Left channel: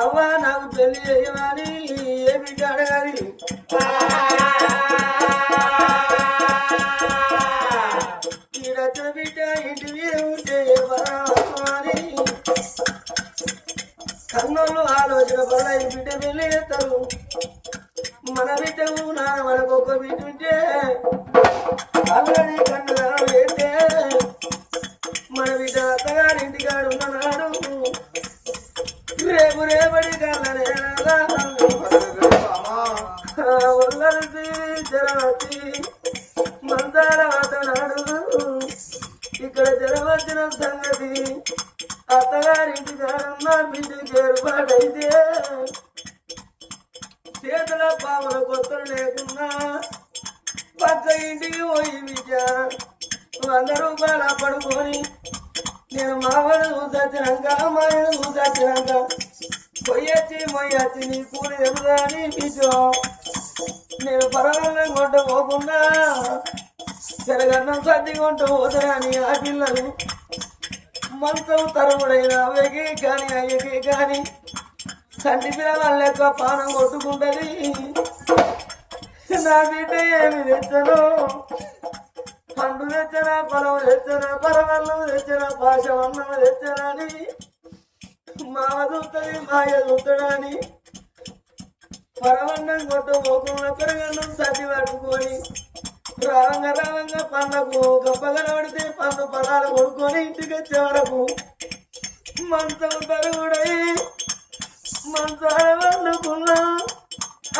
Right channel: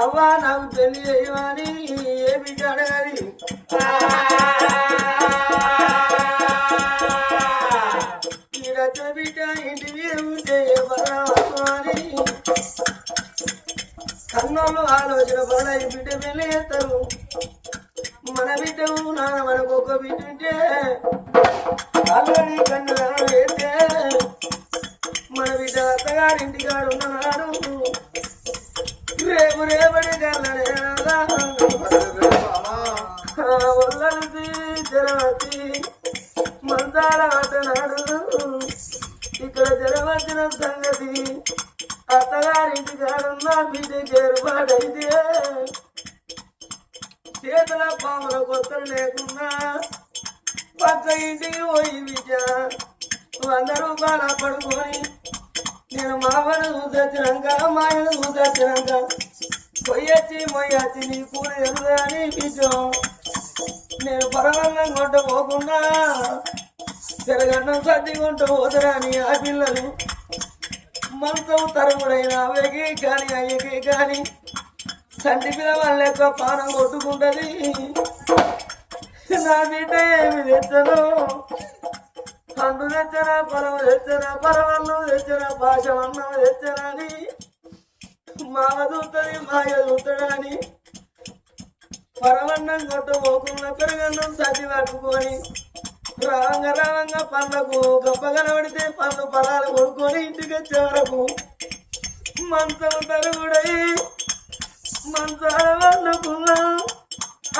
అవ్వా నాకు పెళ్లి చేయమని ఏ బిడ్డ అడగాలి ఈడచ్చ బిడ్డ ఇంటి మీద ఉంటే అని కన్నోళ్ళు ఆలోచన వల్ల ఈ బిడ్డ పెళ్లి చేస్తారు. మన బిడ్డకు మనకు ఒక బిడ్డ ఉంటే అందరి కన్ను వేస్తే మన బిడ్డ అత్తగారింటికాడు ఉన్ననాడు రేపు రేపటి కన్నా ఒళ్ళకి జరవచ్చి మంచాల అతనాడు ఇక్కడ జరవచ్చిన సంగతి అత్తగారింటికాడున్న బిడ్డకి ఏర్పాటైతే చేతుల పావుల కొత్తలు లేకున్నా పక్క ఇంటికి పోయి బిడ్డ 100 రూపాయలు పడుకొని నేను మామను చూసొచ్చినాక మాయను చూసొచ్చినాక మొయ్యచ్చి నీ కూలి ఎదురని బిడ్డో నేను పరవంగా కొంట పోకుండా తెరగన్నం సర్ది కొంట పోతరాని ఆ పిల్లలు మంచం తరముడైన అవ్వకి కానీ అయ్యకి కానీ సంటి పిల్లవాళ్ళ లెక్క పానం కొట్టుకుంటది. నా బిడ్డ ఏమి తెచ్చను పండు తెచ్చనా పొలం తెచ్చనా పరవన్నం తెచ్చనా పాశవన్నం తెచ్చనని మామ చూస్తుంది మాయ చూస్తాడని పరవన్నం కొట్టుకోకుండా పెరగన్నం సర్ది పట్టుకొని రావంగా పండ్లకు గొప్ప కనబడితే పండ్లు పదాలు కొడుకొని ఇంటికి వచ్చే వరకు మంచం తరుగుడై మంచాల వండుకున్నా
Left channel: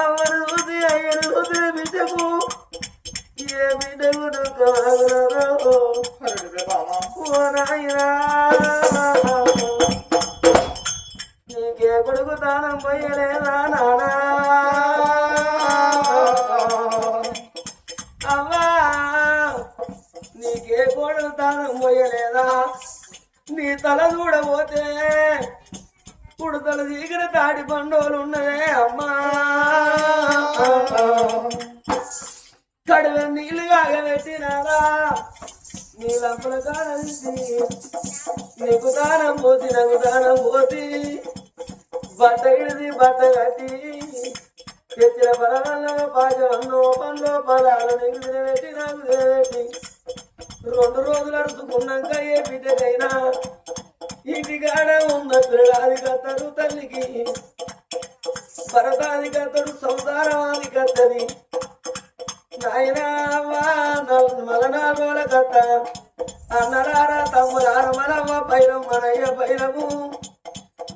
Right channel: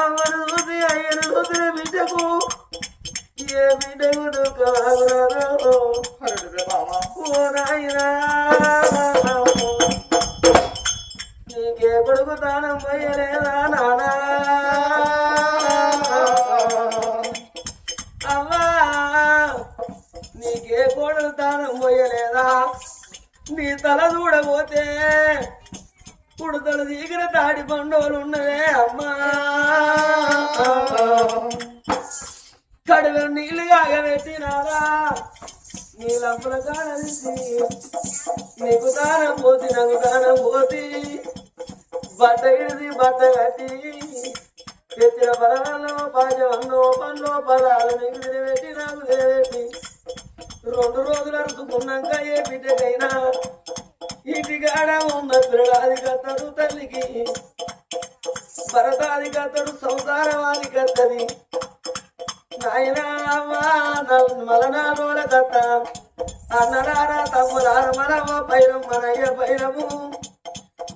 అమ్మను చూసి అయ్యను చూసి బిడ్డకు ఏ బిడ్డకు దుఃఖమాగురాదో నీకే కొడుకు తానం పోయలేదా నానా అమ్మా నీకే కొడుకు తానం పోయలేదా నీ తల చూడబోతే కుడుతలు చీకర తాడి పండుగలు ఉన్నవే అమ్మా కడువ నీళ్ళు కాగబెట్టినారా నీ లంపల కాడలిసి నీకు దానం పోసి నాకు దానం పోసి బట్ట విడిసి బట్ట కట్టి తెచ్చిన పరవల్లో పాచవన్నో పండ్లో పదాలు నీకు తినబెట్టి నాకు తినబెట్టి 2 రోజులు అరుచుకున్నాక ఏ బిడ్డకైనా ఇంటికాడ ఉన్న పిల్లడాది కత్తడు తల్లికి భరతాది కత్తడు సంసారవాది కత్తది నాయనా మలనాలోల కత్త అన్నలారా తమ్ములార మనవ్వ పైరం మనయ్య పైరము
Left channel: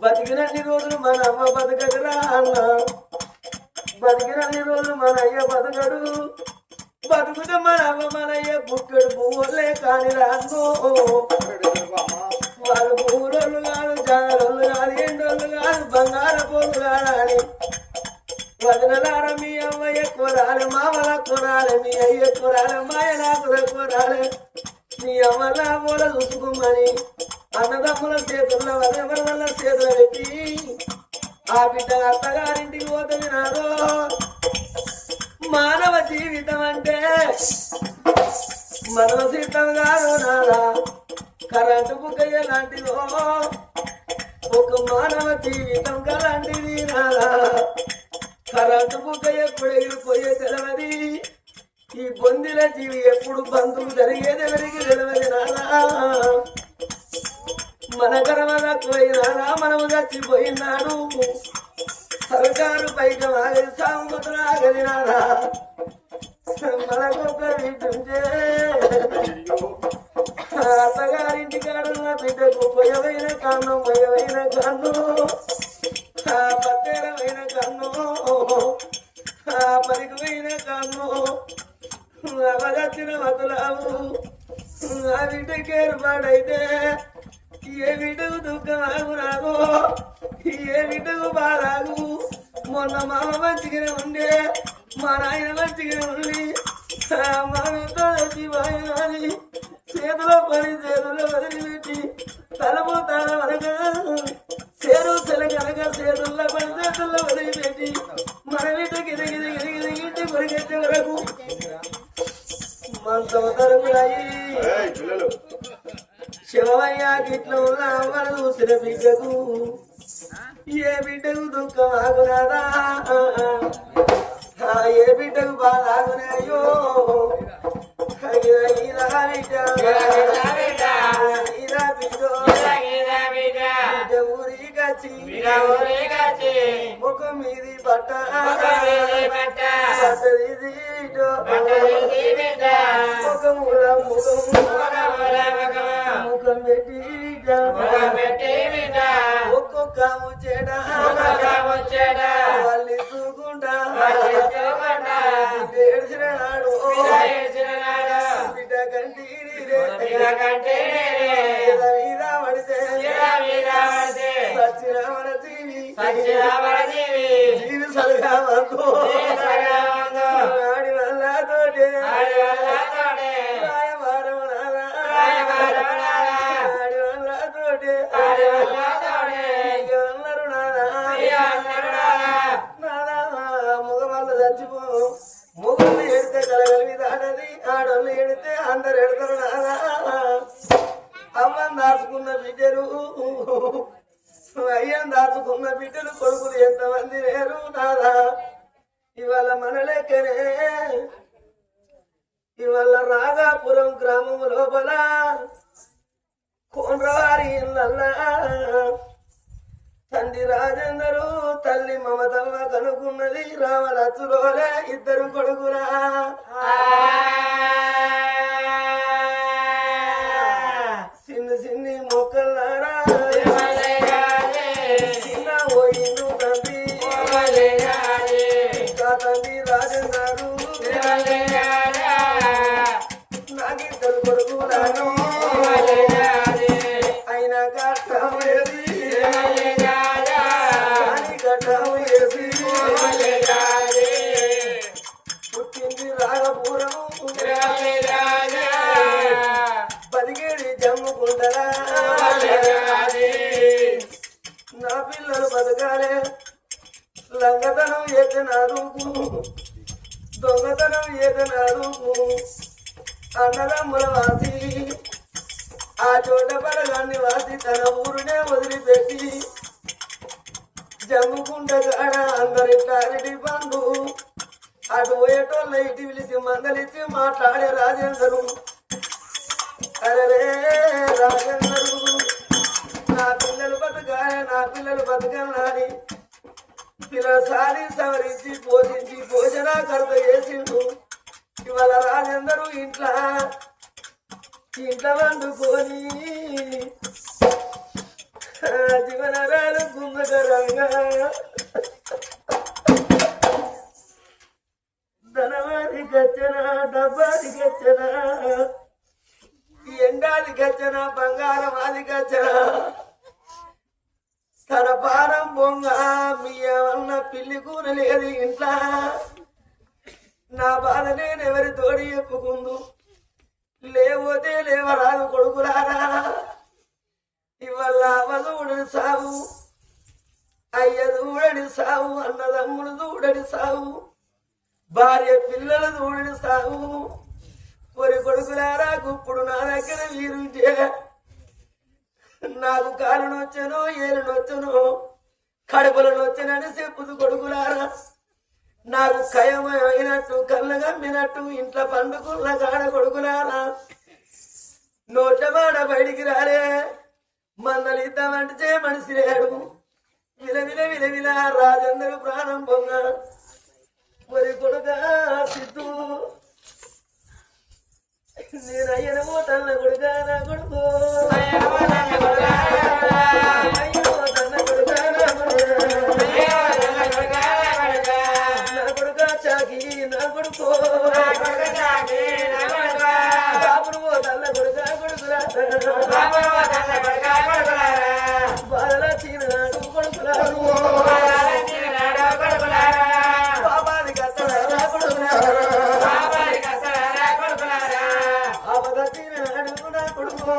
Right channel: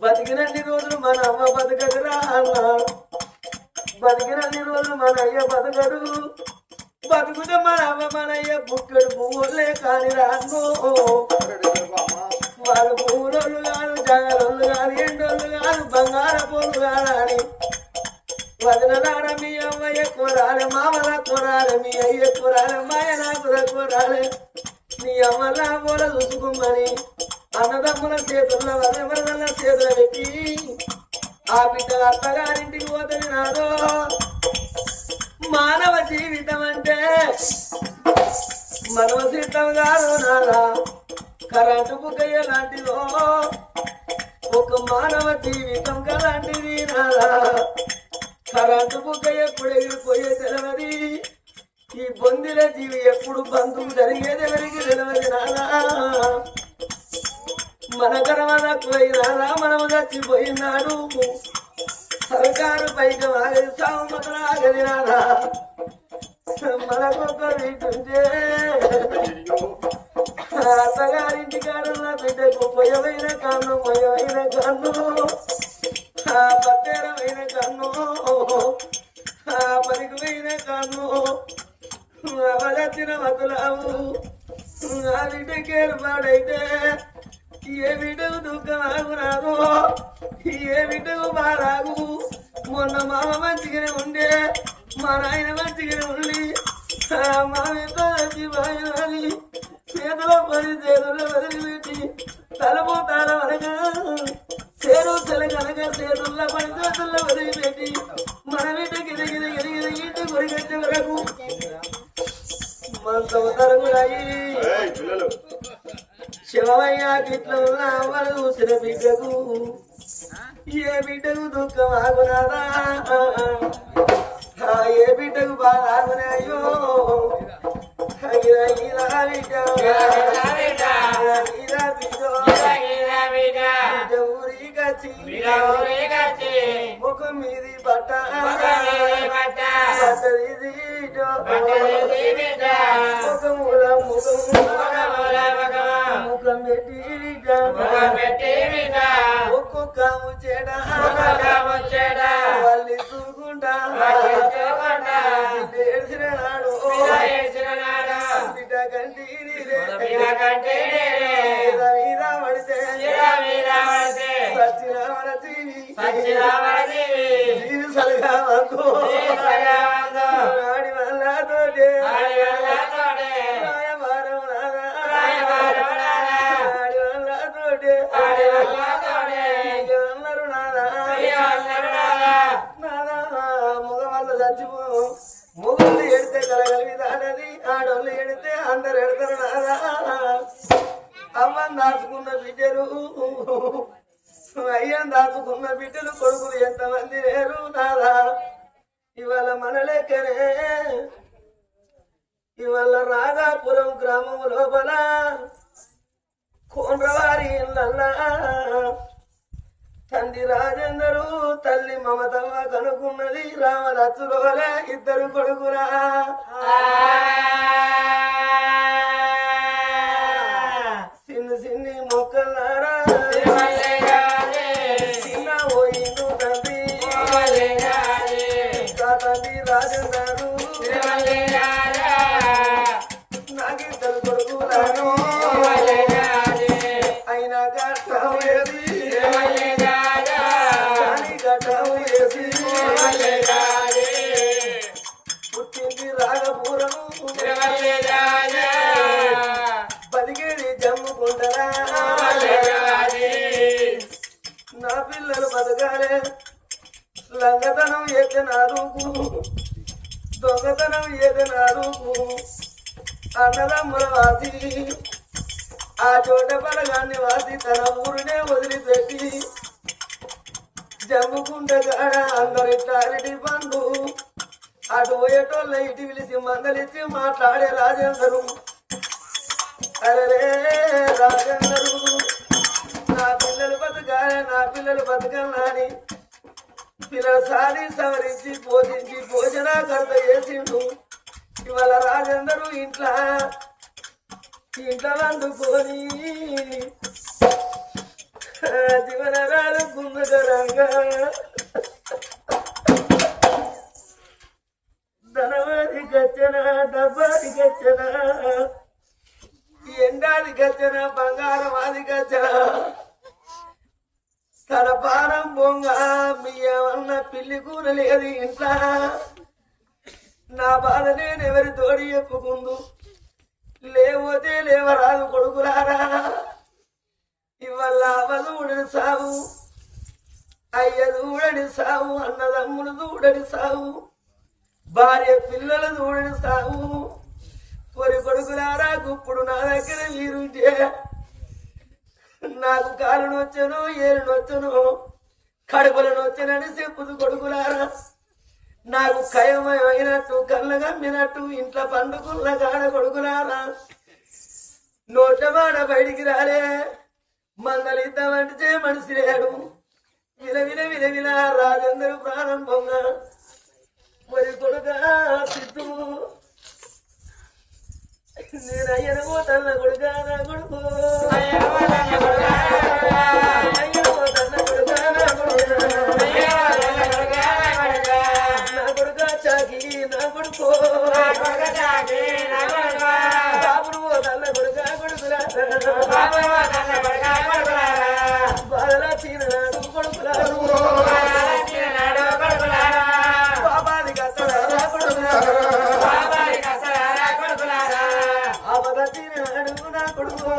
బతికినన్ని రోజులు మన అమ్మ బతకదురా అన్న బతికినన్ని రోజులు మన అయ్య బతకడు బతుకుతే మన అమ్మ మనయ్య బుక్కడు పువ్వులే కాని రాను వాళ్ళు పువ్వులోళ్ళు కాదు జాగరోళ్ళు కాదు ఎండోళ్ళు కాదు బంగార పోలు కాదని వదనలార మీ అమ్మయ్య కూరాలి మామల కూరాలి మీ అయ్య కూరాలి మాయ నాకు కూరాలి నీ అమ్మల మూల చూసుకోమని అన్నదమ్ముల చేతుల్లో వదల చేతులు పెట్టి ఆ బిడ్డ అత్తగారింటికి పోతుంది నాదో మానవ జీవితం అంటే మనవ సిద్ధం కాదు నాదా కరెంటు బుగ్గయ్య లాంటిదో ఒక మానవ జీవితం కలాంటిది నాదా కరెంటు బుగ్గయ్య ఎప్పుడు ఎగిరిపోయే తెలవది ఈ బొందిల జీవి ఎప్పుడు బంధువు జరిగేది ఎవరికి తెలవది నాదా మన గర్వద పోయినాడా మనము చచ్చిపోయినాడు సర్కారు పైకి ఆగలి సాగుతున్న ఆగలినాడా మనకొక వింటుంటే అత్తగారింటి కాడన్న బిడ్డకు పొయ్యవైన కన్ను మొయ్యవైన కన్ను పత్తేరమైన కన్ను పనికిపోయిన కన్ను అవదచ్చిన వతులావు ఆ బిడ్డకి ఏర్పాడైతే ఏ బిడ్డకు దుఃఖం ఆగు రాదు ఏ బిడ్డకు బారాగు మొన్న మామ మంచిగానే ఉండే మా నాయన మంచిగానే ఉండి మా మీద చచ్చిపోయినది చేతిలో పని చేతుల్లో వదిలిపెట్టి తలపు తల వరగా చేరు సెలగనక చేతుల్లో పని చేతుల్లో వదిలిపెట్టి మన బిడ్డ గిరిగిరి కొరిగచ్చే వరకు మంచం తరుగుడాయి శివమయ్య గిట్లో ఉన్న అమ్మను చూసిన బిడ్డకు ఏ బిడ్డకు దుఃఖం ఆగునాదా ఏ బిడ్డకు బాధ ఆగునాయో ముఖం మీది పట్ట ముఖముల ముఖం పెట్టి ఒక్కొక్క ముచ్చేడ వాళ్ళు చూకుంటా ఏడ్చిన నాడు బిడ్డ కంటి జీవి సలగా ఆడి వల్ల తోటే ఆడి వల్ల తోటే అన్నారు నాదా ముగ వల్ల చచ్చిపో ముగ్గురు ఎడితే కలగలిగి దాటది ఆడోళ్ళు ఎడితే అందరు ఎడతారు నాదా అమ్మని దాచుకున్న బిడ్డలు అయ్యని దాచుకున్న బిడ్డలు కొడుకులు ఎంతమంది లేరు నాదా ఇవాళ మన లెక్కనే ఇవాళ రాగాపురం గ్రామం లోపల కోండ్రవారి ఇళ్ళల్లా తండ్రి రాజేందరు తల్లి మమతమ్మ కనుకున్నది రామలచ్చులోలే ఇద్దరు కొడుకురా సిన్ని సిన్ని మొక్కలారా చిన్న పోయిండు తండ్రి తండ్రి రాజేందరు నాకిద్దరు కొడుకురాను అయినా కట్టం పుట్టింది రాగపురం బతికేది జమ్ముకుంటరా నా పిల్లలు బతకాలే లంగతనం ఏకనారుకు దొంగతనం ఏకనారుకు అన్నదమ్ముల వాసి ఆ చోట పలగాన్ని వాసి తన ఊరినే వదిలిపెట్టి జమ్ముకుంట కాడ అందరిటారిటి పండు అటు పోయేటోళ్ళ ఇటు పిలిచి మందలిచ్చి మాట్లాడే రాజేందరు అరే రాజేందరు నా పిల్లలు బతకాలని పిల్లల సారి సవరించి పోషించి భోజన కర్త చేసిండు ఇవాళ రాజేందరు ఇంట్లో వండుకొని జీవనరాలు గుమ్మకరంగా ధనవాది గచ్చన డబ్బాది గచ్చన ఎండాది గచ్చన బంగారం అది గచ్చన తన పానం బొంగ మీ ఏమన్నా పిల్లి కూర లేదు ఇంట్లో నా బాధ నేను ఎవరి తోడి చెప్పుకుందు లేకపోతే లేవరాదు కొడుకులారా ఇవల్ల అవధూడని సాగు అయ్య దూడని సాగు అన్నదమ్ములు దూడని సాగు భార్య పిల్లలు దూడని సాగు కొరి కొడుకులారా గుప్పుడు నా దగ్గర వీరుంటే నాకు కాలు నొచ్చను ఏలు నొచ్చను కడుపులు నొచ్చనని చెప్పుదు కొడుకులారా నాకు కయమైనట్టు కళ్ళు గమ్మినట్టు ఇంట్లో పండుకున్న కాడ కొడుకులారా నోటమాడ బయటికి రాలే మందలు ఇద్దామంటే మనిషి లేడు విలవిల విలవిల రాజందరు ప్రారంభంగా మరి కొడుక సిద్ధు నేను అయ్యనమో తల్ల కొడుక నా కొడుకు చాకి నా కొడుకు బాబును తల్ల కొడుక కొడుకులా బాధలా చీనాడు కొడుకులారు బాబాది కత్తలారా కొడుకులారా ఆపద చీనాడు నా కొడుకు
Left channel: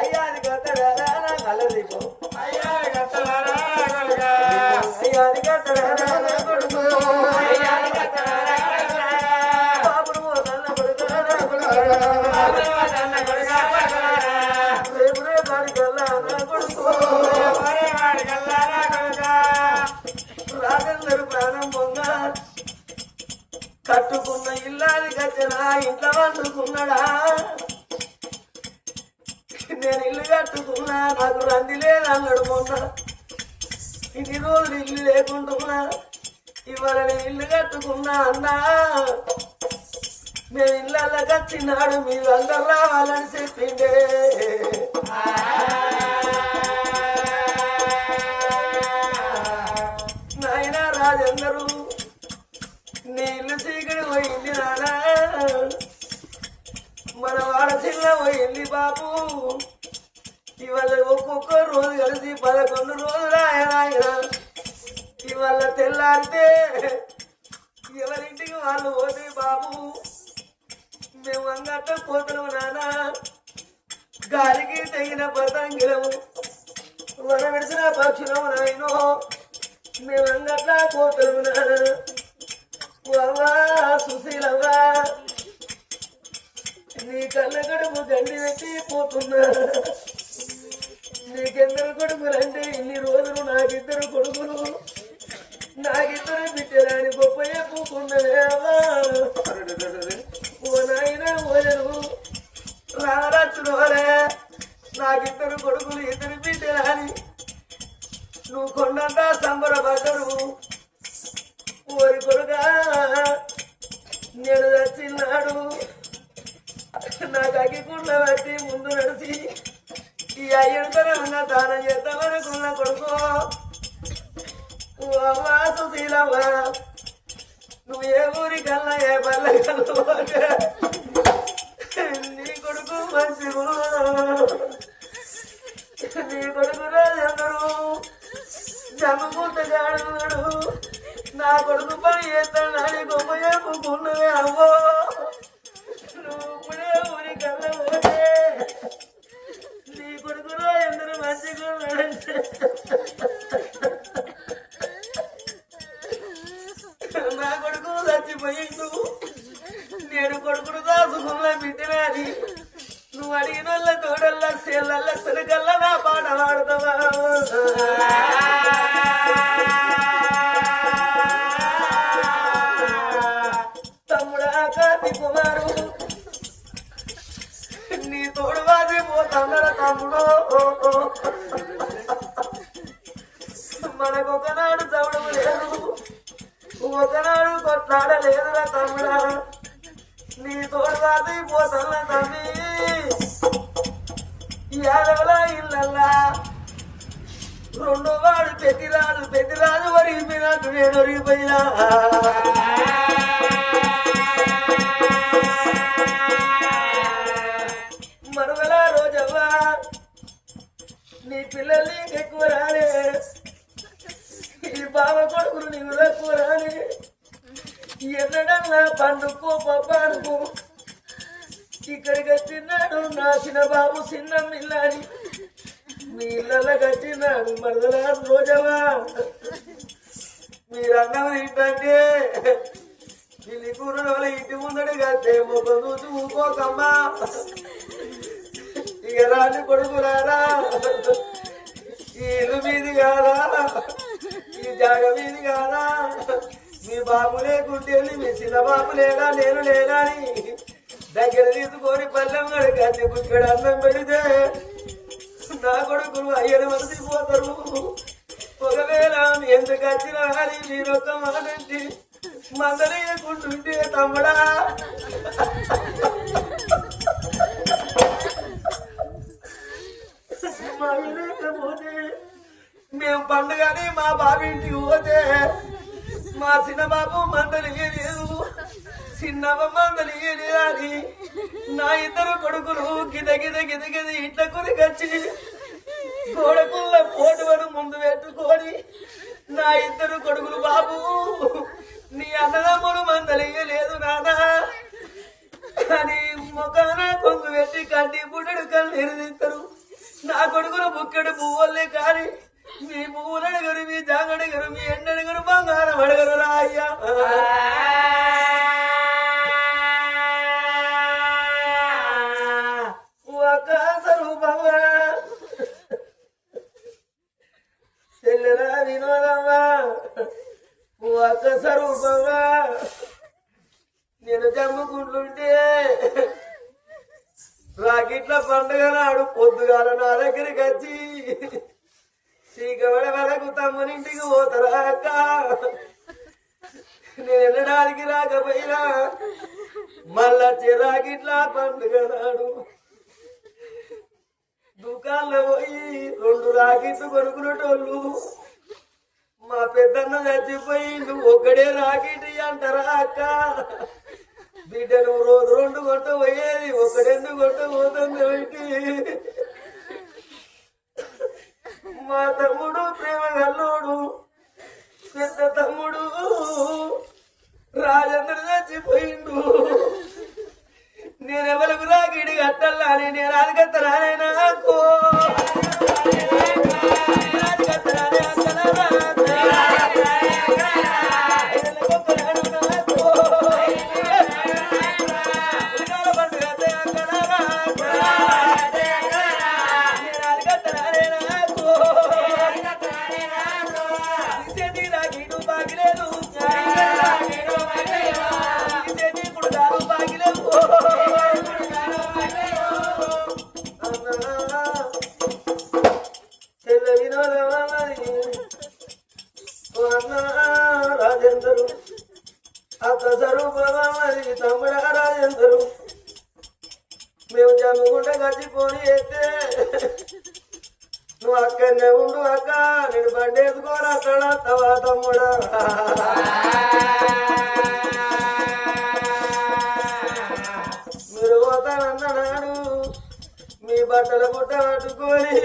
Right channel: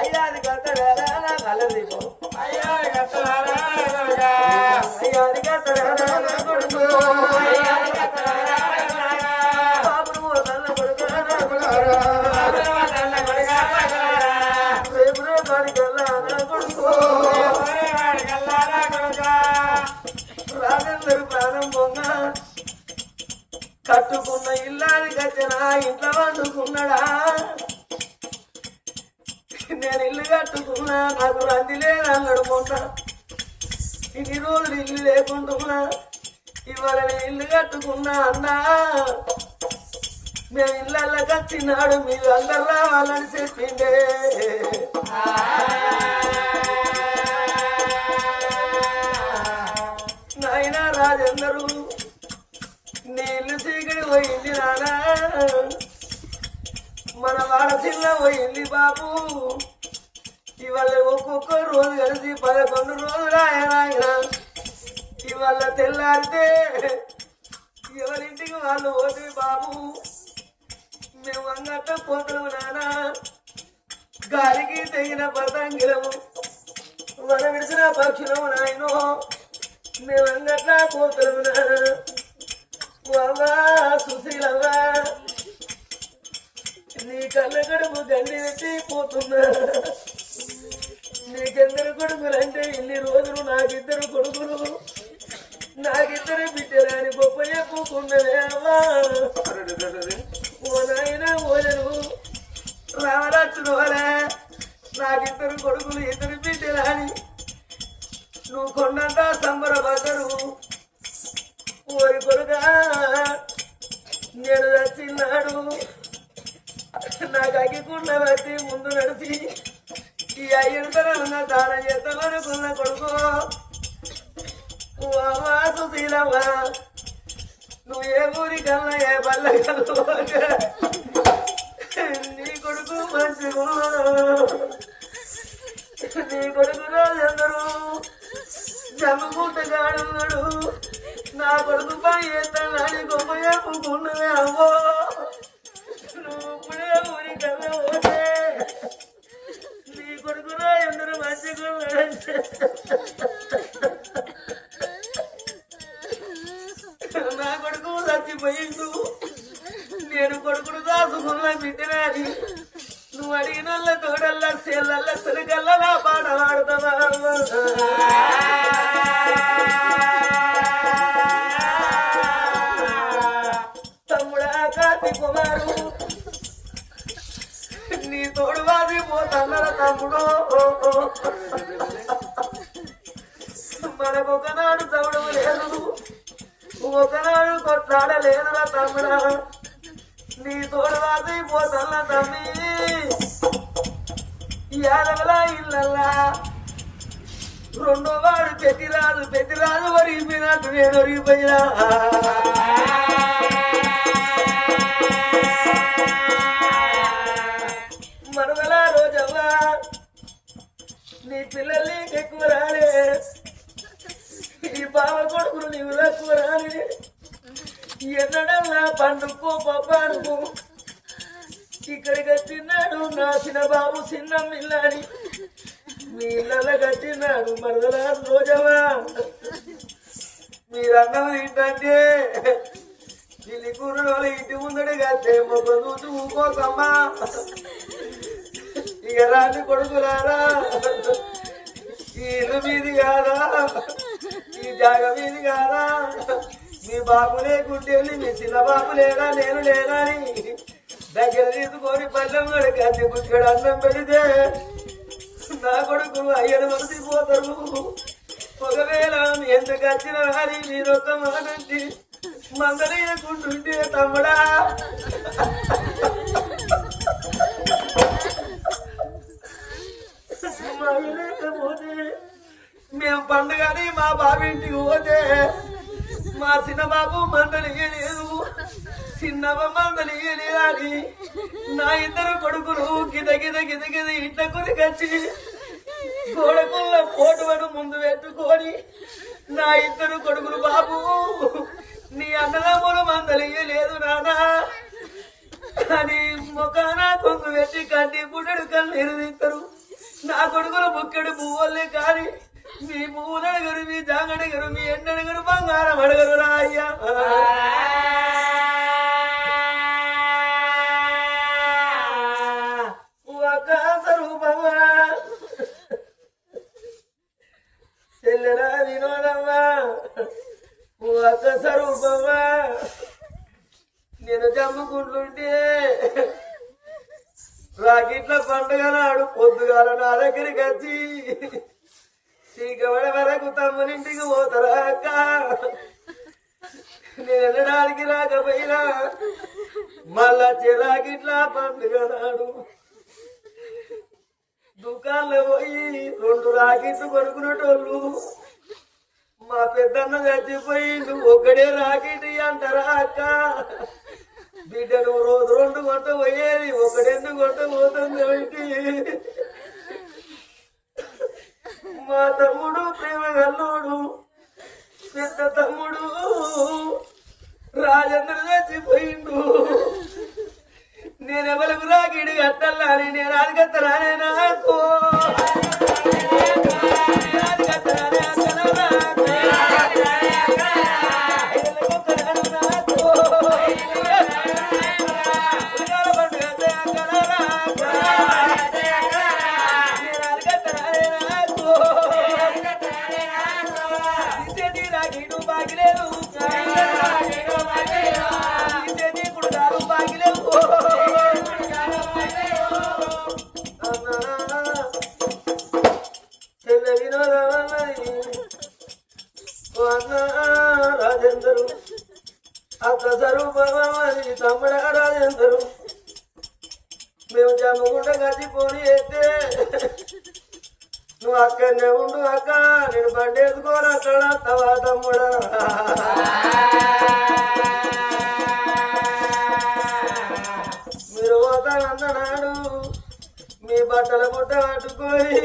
అయ్యాది కత్తలారా నా కలదీపో అయ్యాది కత్తలారా అయ్యాది కత్తలారా నా కొడుకు బాబును తల్ల కొడుక రాజందరు ప్రారంభంగా కట్టుకున్న ఇల్లాని కట్టినా ఇంట్లో వండుకున్నాడా నేను ఇల్లు కట్టుకున్నా నాకు రంది లేదు అన్నాడు మొన్న ఇన్ని రోజులు ఇల్లు లేకుంటున్నా ఇవాళ నేను ఇల్లు కట్టుకున్నా అన్నా మేము ఇళ్ళకి వచ్చినాడు మీరు అందరు రావాలని చెప్పిండే నాయన రాజందరూ నీళ్ళు చీకటి పోయింది నానా మన వాడసిల్ల పోయింది బాబు ఇవాళ ఒక్కొక్క రోజు కలిసి 11 రోజులు ఆయన ఇవాళ తెల్లారితే ఎవరింటికి వాళ్ళు పోతే బాబు మేము అంగట్ట పోతున్నాము నాన్న గాలికి తెగిన పతంగిలము వన విడిచిన పక్షులము నాయనో మేము అంగట్లా పోతున్నాము నాన్న అవ్వా సుశీలవ్వా నీ కళ్ళ కడుపు గండి పెట్టి పోతున్నా నీకెందరు కొడుకులంటే ఇన్ని రోజులు నాకిద్దరు కొడుకులు నాకిద్దరు బిడ్డరాని గొప్ప చెప్పుకున్నదే అవ్వా ఓ నాయన ఓజను రామరాజులు వలే నాకిద్దరు కొడుకులు ఇద్దరు బిడ్డరాని నువ్వు కొండంతా సంబరపడ్డరు ఓరి కొడుగా నేను వచ్చిన్నాడు నాకు అగ్గికుండ బట్టి ముందు నడిచి ఈ అయ్యంతరంగా దానం చేద్దామనుకున్న కొడుకు అవ్వా సుశీలవ్వ నువ్వు ఏ ఊరికల్లా ఏ పల్లెకల్లా నీ కొడుకు మంచిగా నీ కొడుకు రాజందరూ జమ్ముకుంటగాడు నా కొడుకు పని చేస్తానని గొప్ప చెప్పుకున్నదే అవ్వో నువ్వు ఇప్పుడే ఊరికల్లా పోతే నీ కొడుకు రాజందరూ మంచిగా నా కొడుకు చచ్చిపోయిండు నేను కొడుకును దాసుకున్న బిడ్డనాని నువ్వు అడిగిన వాళ్ళ తోడల్లా సేళ్ళల్లా సరికల్లా నా పాట పాడుతావా తమ్ముడా కార్తి కుమారు నీ తోడు వాది పోతన్నర తమ్ముడు మనకొకనాడు చౌడవు లేదు ఒకనాడు కొట్లాడలేదురా తమ్ముడా నీ తోడు వాది పోతన్న తమ్మి యాదవలా ఇళ్ళల్లా రెండో వాడు పెద్దిరాజు వరిగిపోయినట్టు నేను వరిగిపోయినా మరుగల రోజవ్వ బావ కొడుకులు నీవు తక్కువరాని ఎన్నడల్లా పండుకో పప్పానుకో ఇక్కడికి వచ్చినాడు నా చిన్న బాబు చిన్న మిల్లాని మీ ఇళ్ళ కట్టినాడు మరదలా రోజవా మీరన్నది ఏంటంటే పిల్లి కూరలో ఇంటి ముందడి కట్టే మొక్క చూసి ఊకోకమ్మా ఇక రాని కొడుకులారా ఈ ఇల్లు మీది కాదా ఈ జాగ మీది కాదా మీ బాబు లేకుంటే మీ చిన్న బాబు లేనా నేను లేనా అని దగ్గర తీసుకొని పల్లెం గడి కట్టి బుక్కడ అన్నం పెడితే నా కొడుకులు అయ్యను మరిసిపోతారు ఒకవేళ ఎందుకు వచ్చినా అని మీరొక్క మానండి మందలేకుంటుంటే తమ్ముడా లేకపోతే మేము పండుగని మా బాబు ఇంటికి పోతే మా చిన్న బాబు మందలియలేదు చిన్నవ మందలియలేదు అని నా ఇద్దరు కొడుకులు గిద గిద గిద గిద ఇంట్లో కొరికొచ్చి గోడకుల్ల పోటువను ముందు పెట్టుకొని నా ఇద్దరు కొడుకులు బాబు నీ అన్నదమ్ములు మందలియలేదు నానా అని ముఖాన కొంగు పెట్టి కంటి పుట్టడు కళ్ళు ఎరుదిస్తారు నా కొడుకులు బుక్కడు పువ్వులే కానీ మీ పువ్వులు అడగరు మీ జాగడగరు మీ ఎండడగరు బంగారం అడగరు రా అయ్యా ఒక స్వరూపమ్మా చెల్లెలా వినోదమ్మా ఒక స్వరూపమ్మా నేను జమ్ముకుంటుంటే రాకెట్ల పండుగ నాడు పొద్దుగాల నా దగ్గరికి వచ్చి చీకబడి వరకు తమ్మునింటికి పోతారా అక్క నేను వెళ్ళడానికి రాకపోయినా మళ్ళా రాకెట్ల పండుగ నాడు దుకాణంలో పోయి 2 రాకెట్లు కొనుక్కునేటోళ్ళు మా పెద్దన్న చచ్చిపోయి నువ్వు ఒక్కడే రాకెట్ అంటారా అక్క బిడ్డ నువ్వు రోజు 2 గంట పోయేది 1 గంట పోతుంది మా తమ్ముడు ప్రేమ గల్లోడు పెద్ద తమ్ముడు రాజేంద్ర చచ్చిపోయిండు నేనెవరికి రాగిడి కట్టాలా అని నేను అడగత్తరానే నాకు రాజేందరు అక్క స్వరూపమా మరి తమ్ముడా రాజేందరు మేము జమ్మగుంట గచ్చిపోని అయితే నువ్వు అక్కడనే ఉండు అక్క నేను బండేసుకోను అక్కడ తవా తమ్ముడా మీరు పోతానన్నాడు మీ బట్టల పుట్ట పట్టుకొని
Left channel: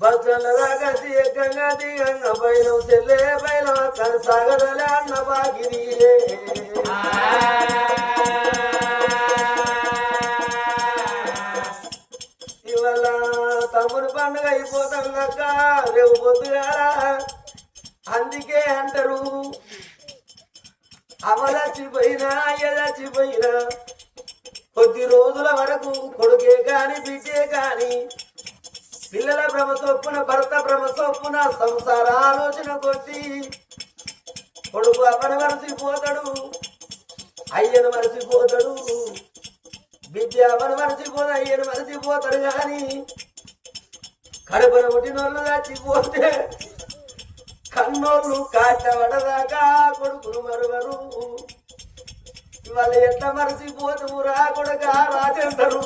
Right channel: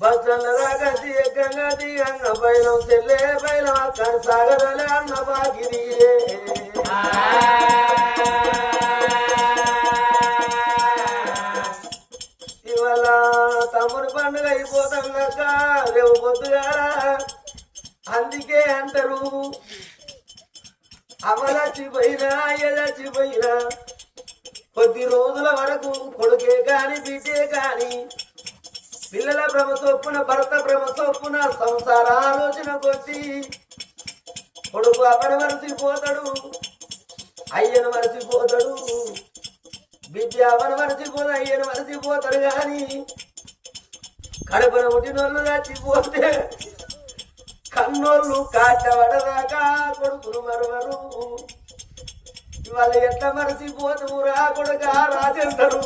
బస్సన్నదా కసి ఎక్కంగా దిగంగా బయలం చెల్లే బయలం అక్కడ సాగదలే అన్న బాగిరి ఇవాళ తమ్ముడు పండుగ అయిపోతుందక్క రేపు పొద్దుగారా అందుకే అంటారు అమలచ్చిపోయినా ఎదచ్చిపోయినా కొద్ది రోజుల వరకు కొడుకే కాని బిడ్డే కాని పిల్లల భ్రమ చొప్పున భర్త భ్రమ చొప్పున సంసార ఆలోచన కొద్ది కొడుకు అమ్మను మరచిపోతాడు అయ్యను మరచిపోతాడు బిడ్డ అమ్మను మరచిపోతాడు అయ్యను మరచిపోతాడు కానీ కడుపున పుట్టినోళ్ళు చచ్చిపోతే కన్నోళ్ళు కాటవడదాకా కొడుకును మరవరు వాళ్ళు ఎట్లా మరచిపోతురా కొడుక రాజేందరు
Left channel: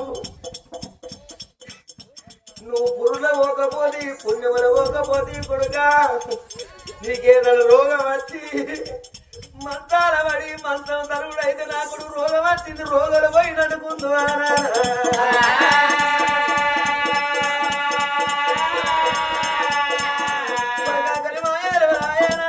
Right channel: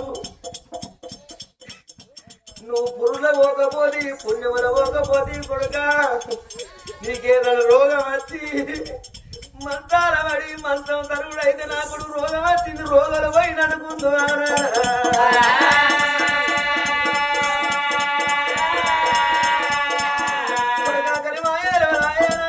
నువ్వు పురుల పోకపోతే పుణ్యముల పోకపోతే కొడుక నీకేదైనా రోగం వచ్చి మంత్రాల పడి మంత్రం తరుగుడైతే నా కొడుకు రోగం వచ్చింది రోగాలు పోయి అనుకుంటున్నానా మాయన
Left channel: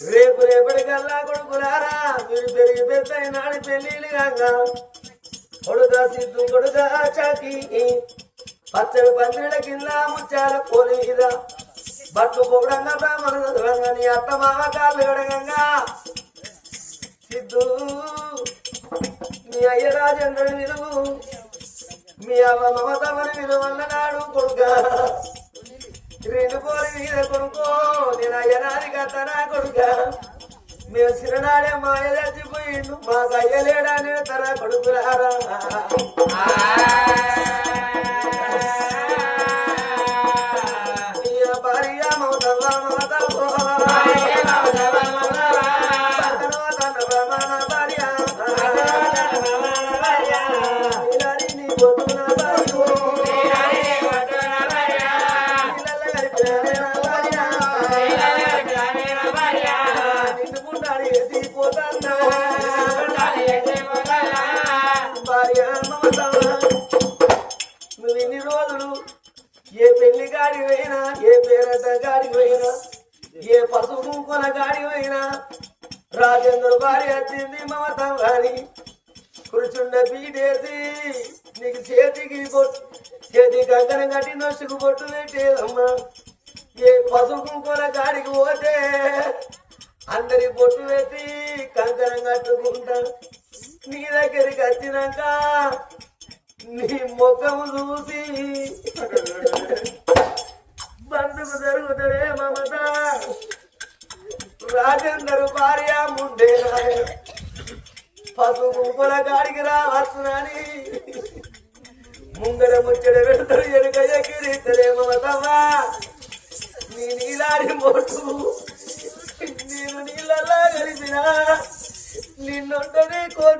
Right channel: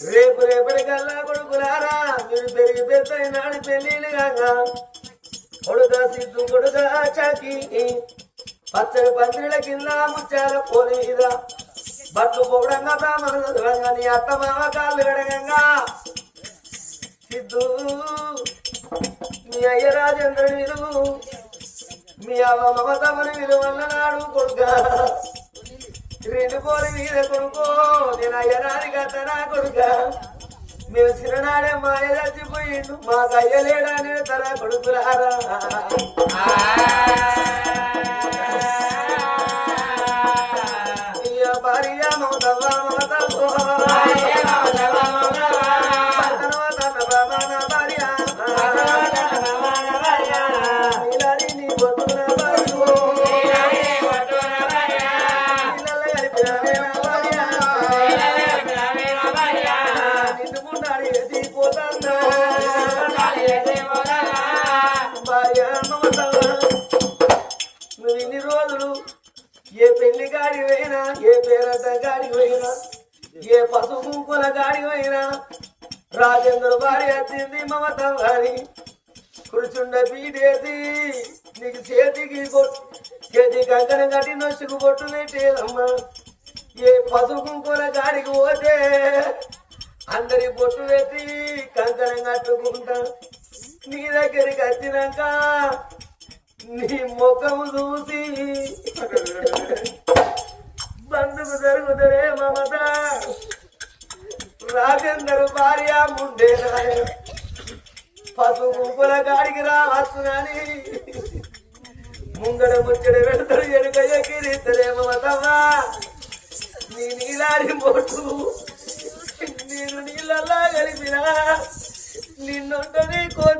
రేపు రేపటికల్లా కొడుకులారా మీరు పెరిగి పెద్దయినాడు పెళ్ళిళ్ళు కాక కొడుక సిద్ధు కొడుక చాకి పచ్చని పందిరిల కింద ముచ్చాల పోలి మీద బట్లు పోవడంగా బ్రాహ్మణ చదవంగా నీ అత్త మామ కాళ్ళు గడగంగా సిద్ధు మీ అయ్య రాజేంద్రుని విలువు మీ అవ్వ మమతమని విలువన్నాడు కొడుక రెండు పోలి మీద కొడుకో నేను అయ్యనాని కట్టనా కొడుక మీరు చిరనాడే మాయ చచ్చిపోయిండు మాకు అయ్యలేడానే తన కొడుకులారా భార్య మమతవ్వ మమతవ్వ భార్య నీ కొట్టున నువ్వు ఇన్ని రోజులు ఏ పెళ్లి గాడి పోయినా ఏ పేరంట గాడి పోయినా ఏ పసుపు కుంకుల గాడి పోయినా రాజేంద్ర భార్య వచ్చింది మమత వారి కూర్చుండ పీటేసి నీకు చేతికి కంకణం కట్టి నొసుకు బొట్టు పెట్టేదమ్మా ఏ పసుపు కుంకుల గాడికి పోతే అందరి బొట్టు పెట్టి కంకణం కట్టుకుంటా నీ దగ్గరికి వచ్చినాక నీ ముఖము చూసి బంధుకు జరుగుతారే మమత రాజేందరు భార్య ముందే నాయన పసుపు కుంకుల గాడికి రావచ్చునని ముంగడ ముచ్చట పెడతారు ఎడుక ఎగిరిస్తారే మమతమ్మా నీ నీలాడి మోటు నేను నీళ్ళలా కలిపినా నిన్నుంటది కోటి